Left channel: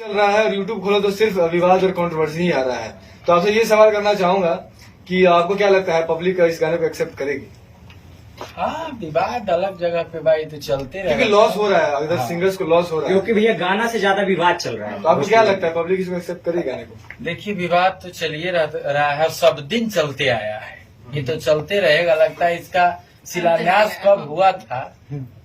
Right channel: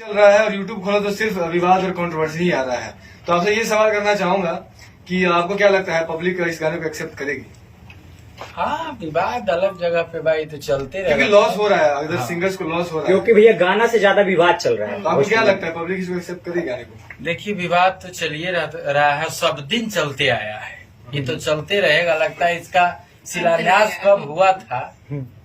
चल रहा है और यूट्यूब खोलो तो सिर्फ विवाद और कंट्रोवर्सी ही आ रहा है। तो आपसे ये सवाल करना चाहूंगा कि आपको क्या लगता है पब्लिक इस गाने को एक्सेप्ट करेगी? हाँ, विवाद अलग जगह पे भाई तो चलते क्योंकि रहेगा। लॉस हो रहा है, अगर सिंगर्स को लॉस हो रहा है। क्योंकि भैया गाना से ज्यादा विवाद चल रहा है। आपको क्या लगता है पब्लिक इसको एक्सेप्ट करेगी गाने को? देखिए, विवाद तो चलिए रहा है, सब दिन चलते आया है, ये तो चलते रहेगा। लगता है इसका शिलान्यास कब हुआ था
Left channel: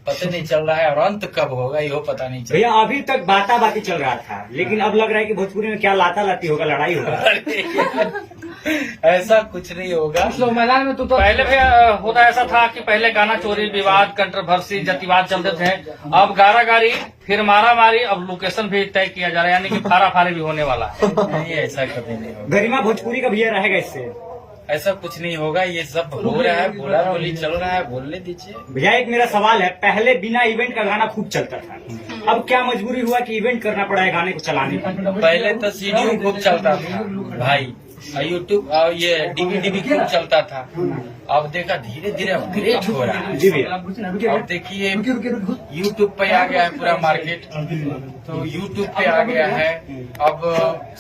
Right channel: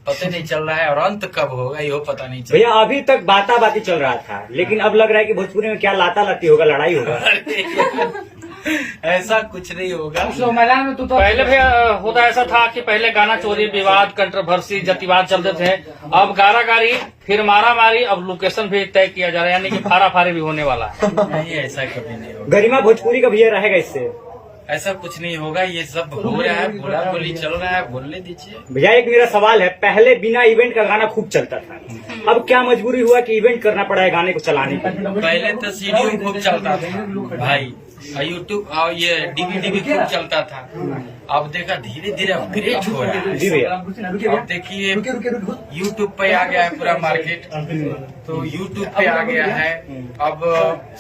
पता नहीं चल रहा है, और अंत कब होगा ये पता नहीं चल भैया अभी तक बाती चल रहा था, लेकिन अब लग रहा है कि भोजपुरी में क्या लाता लाती होगा, लड़ाई होगा। रहा। ऐसा कुछ नहीं होगा। मैदान में तो पहले भी होता ऐसा था कि पहले गाना चोरी, विवाद, कंट्रोवर्सी, जातिवाद चलते थे। अब गाना गाड़ी, फिर मारा मारी, अब लोकेशन भी तय किया जा रहा है, यानी कि फारा फारी भी होने वाला। नहीं, ऐसा कभी नहीं होगा। गरिमा भोजपुरी का भैया रहेगा इससे। ऐसा कुछ नहीं होगा, ये सब हो रहा है, बोला बोली चल रहा है, बोलने दीजिए। भैया एक मेरा सवाल है, पहले बिना इवेंट का गाना खूब चलता था, अब क्या मजबूरी हुआ कि इवेंट करना पड़ा है गाने को चलाने का? पहले तो सीडी खूब चलता था भाई, यूट्यूब और ये डीवीडी भी खूब चलता था। अब देखा धीरे धीरे अपग्रेड हो रहा है। जी भैया। अब देखिए यूट्यूब पे आ गया है पूरा मार्केट, तो यूट्यूब पे आ गया है, अब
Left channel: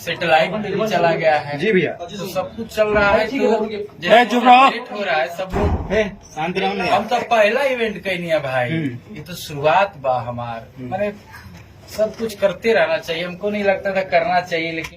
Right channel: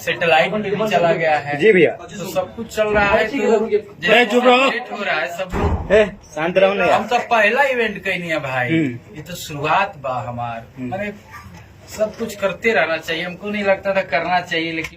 सैटेलाइट पे भी चला गया है। जी भैया। तो सब कुछ चल रहा है, तो जैसे अपग्रेड हो रहा है सब लोग। शांत रहो ना। हम तो पहला इवेंट कहीं है भाई, ये तो शुरुआत बा हमार। मैंने सब कुछ करते रहना चाहिए, हमको नहीं लगता था करना चाहिए, लेकिन